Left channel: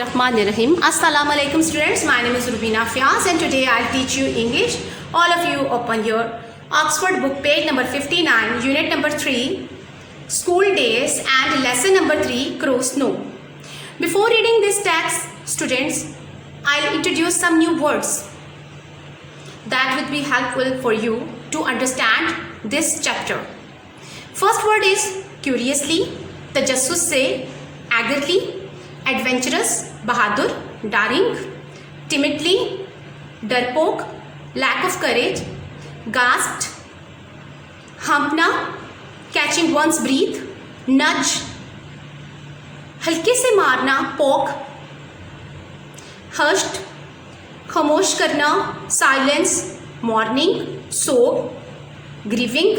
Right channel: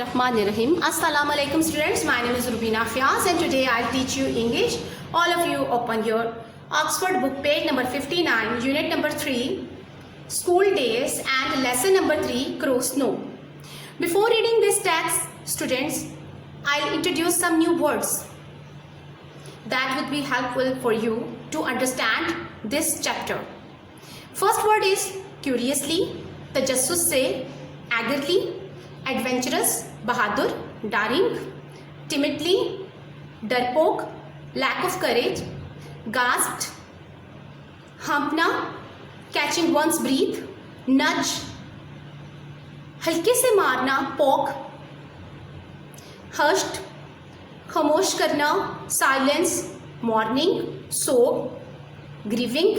Bismillahirrahmanirrahim. Assalamu alaikum students. My name is Rubina Fiaz and today I'll teach you English. All of you open your Oxford book page number 59, unit number 3, school days and lesson number 3, crow snow. Before reading this text, students, I'll introduce some new words that would be helpful for you to understand this chapter. First word is curiously, tajassus se, eagerly, adventurous, bahadur, daring, timidly, darpoke, lack of courage, gasped, humpna, catching one's breath, nudge, हल्के से मारना, poke, hushed, खामोश करना, silence, mourning, sob, grieving,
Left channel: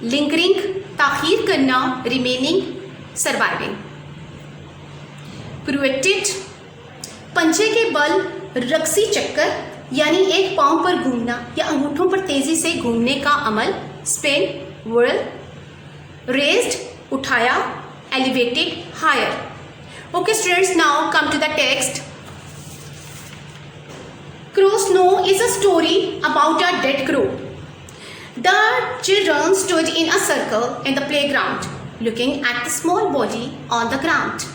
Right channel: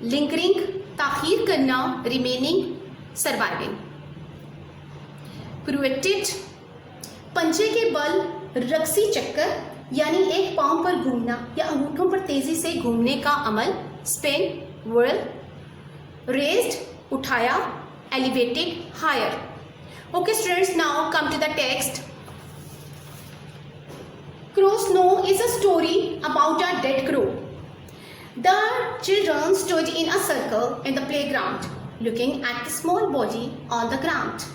lingering, ताखीर करना, remaining, surviving. Pirouetted, पंजे के बल रक्सी चक्कर यानी एक पांव पर घूमना या अंगूठों पर तेजी से घूमने का अमल, स्पेन, whirl. Raised, उठाया, elevated, higher. Okay students, now come to the text. Crow Snow is a story about a dead crow. The children stood in a circle in the playground, looking at the small body on the ground.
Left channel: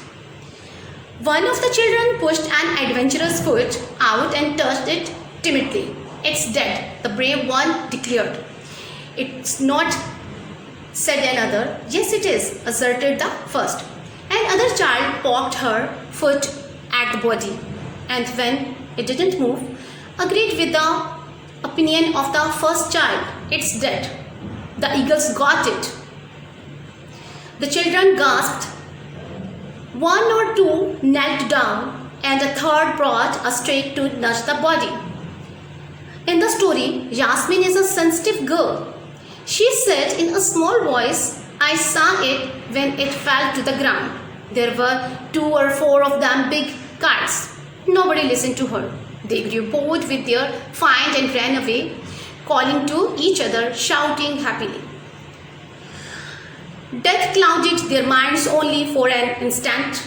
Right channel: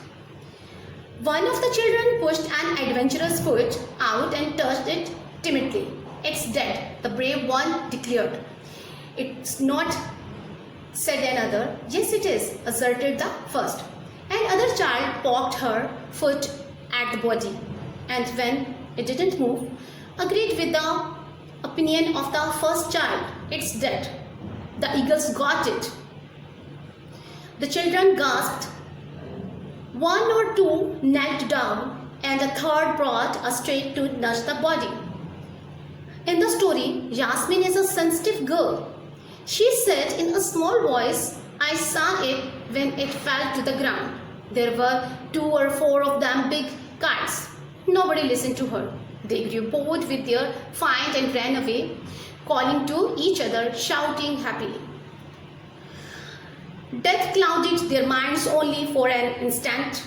One of the children pushed an adventurous foot out and touched it timidly. It's dead, the brave one declared. It's not, said another. Yes, it is, asserted the first. Another child poked her foot at the body, and when it didn't move, agreed with the opinion of the first child. It's dead. The eagles got it. The children gasped. One or two knelt down, and the third brought a stake to nudge the body. In the story, Yasmin is a sensitive girl. She said in a small voice, I saw it when it fell to the ground. There were 2 or 4 of them big kites. Nobody listened to her. They grew bored with their find and ran away, calling to each other, shouting happily. Death clouded their minds only for an instant,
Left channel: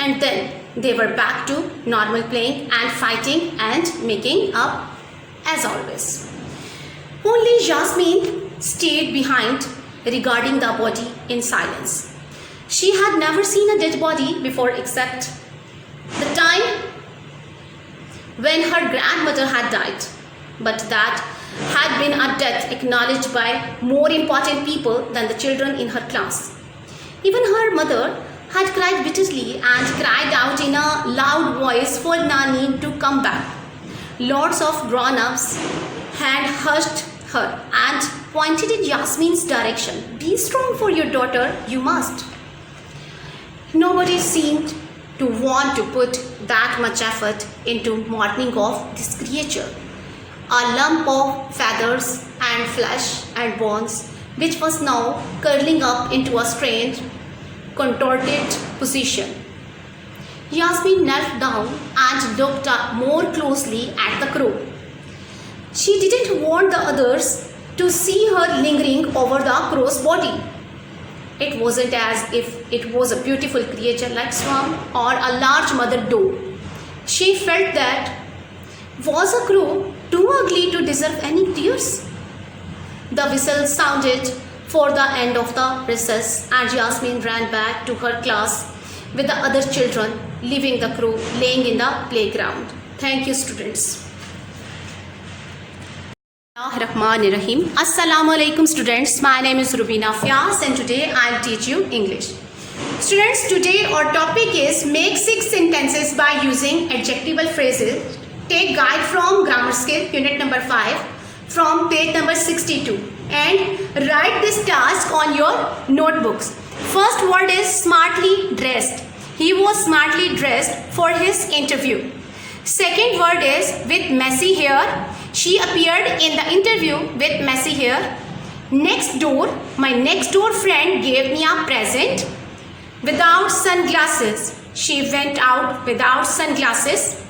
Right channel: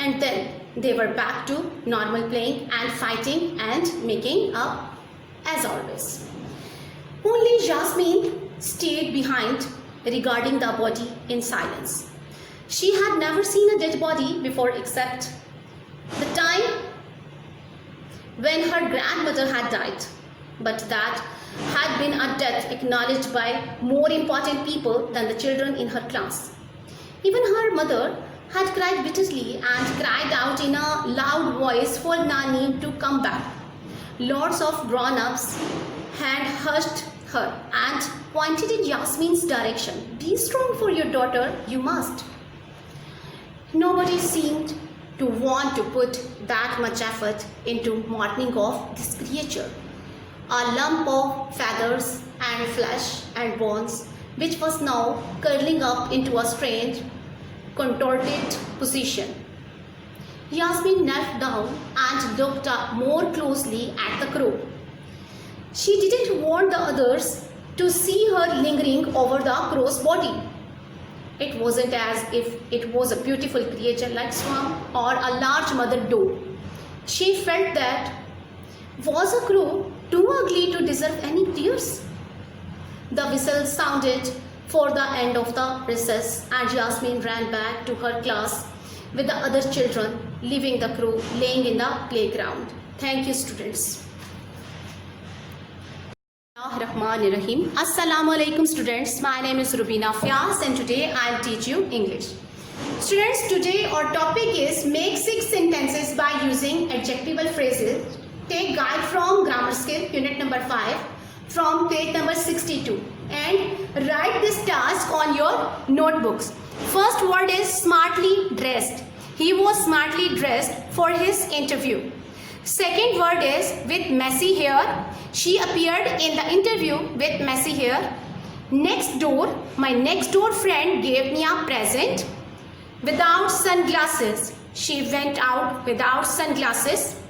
and then they were back to normal playing and fighting and making up as always. Only Yasmin stayed behind, regarding the body in silence. She had never seen a dead body before except the time when her grandmother had died, but that had been a death acknowledged by more important people than the children in her class. Even her mother had cried bitterly and cried out in a loud voice for Nani to come back. Lots of grown-ups had hushed her and pointed in Yasmin's direction. Be strong for your daughter, you must. Nobody seemed to want to put that much effort into mourning of this creature. A lump of feathers and flesh and bones, which was now curling up into a strange, contorted position. Yasmin knelt down and looked up more closely at the crow. She didn't want the others to see her lingering over the crow's body. It wasn't as if it was a beautiful creature like Swan or a large mother doe. She felt that was a crow too ugly to deserve any tears? The whistle sounded for the end of the recess, and Yasmin ran back to her class with the other children, leaving the crow laying in the playground. Thank you, students. Bismillahirrahmanirrahim. Assalamu alaikum, students. My name is Rubina Fiaz, and today I'll teach you English. Students, today our topic is make 6 sentences by using adjectival phrases. Take guide from Grammar Skill, unit number 5, from page number 62, and write this task on your notebooks. First word is smartly dressed. He was smartly dressed for his interview. Second word is with messy hair. She appeared in the interview with messy hair. Next door, my next door friend gave me a present. Without sunglasses. She went out without sunglasses.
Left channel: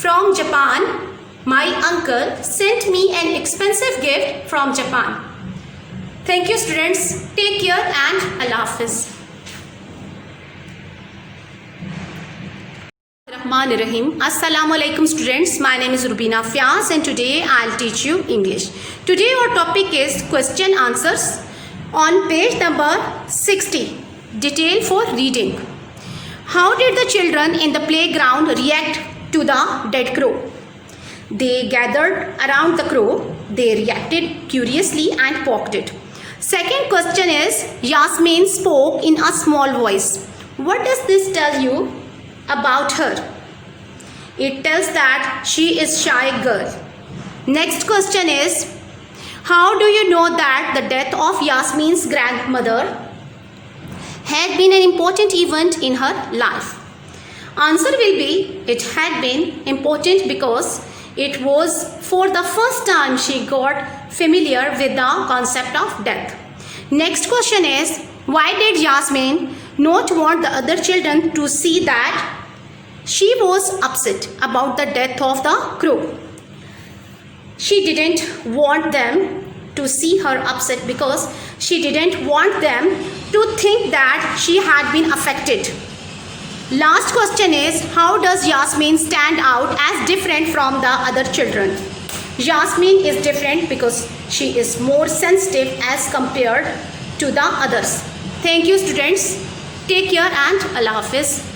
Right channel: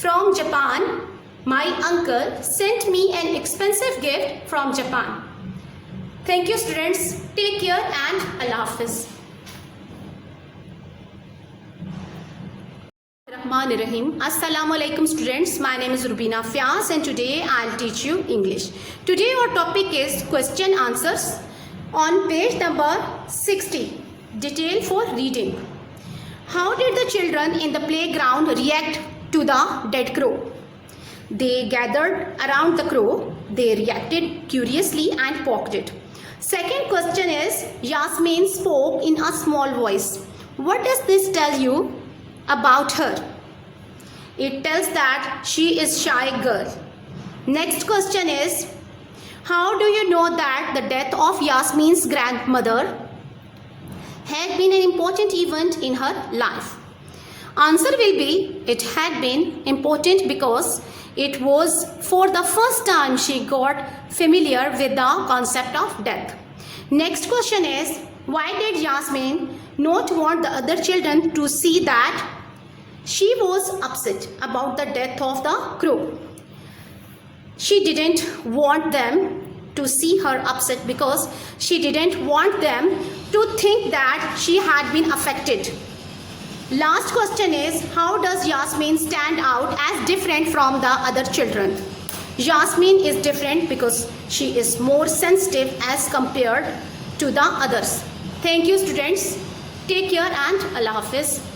From Japan, my uncle sent me an expensive gift from Japan. Thank you, students. Take care and Allah Hafiz. Bismillahirrahmanirrahim. Assalamu alaikum students. My name is Rubina Fiaz and today I'll teach you English. Today our topic is question answers on page number 60. Detail for reading. How did the children in the playground react to the dead crow? They gathered around the crow. They reacted curiously and poked it. Second question is, Yasmin spoke in a small voice. What does this tell you about her? It tells that she is shy girl. Next question is, how do you know that the death of Yasmin's grandmother had been an important event in her life? Answer will be, it had been important because it was for the first time she got familiar with the concept of death. Next question is, why did Yasmin not want the other children to see that she was upset about the death of the crow? She didn't want them to see her upset because she didn't want them to think that she had been affected. Last question is, how does Yasmin stand out as different from the other children? Yasmin is different because she is more sensitive as compared to the others. Thank you students. Take care and Allah Hafiz.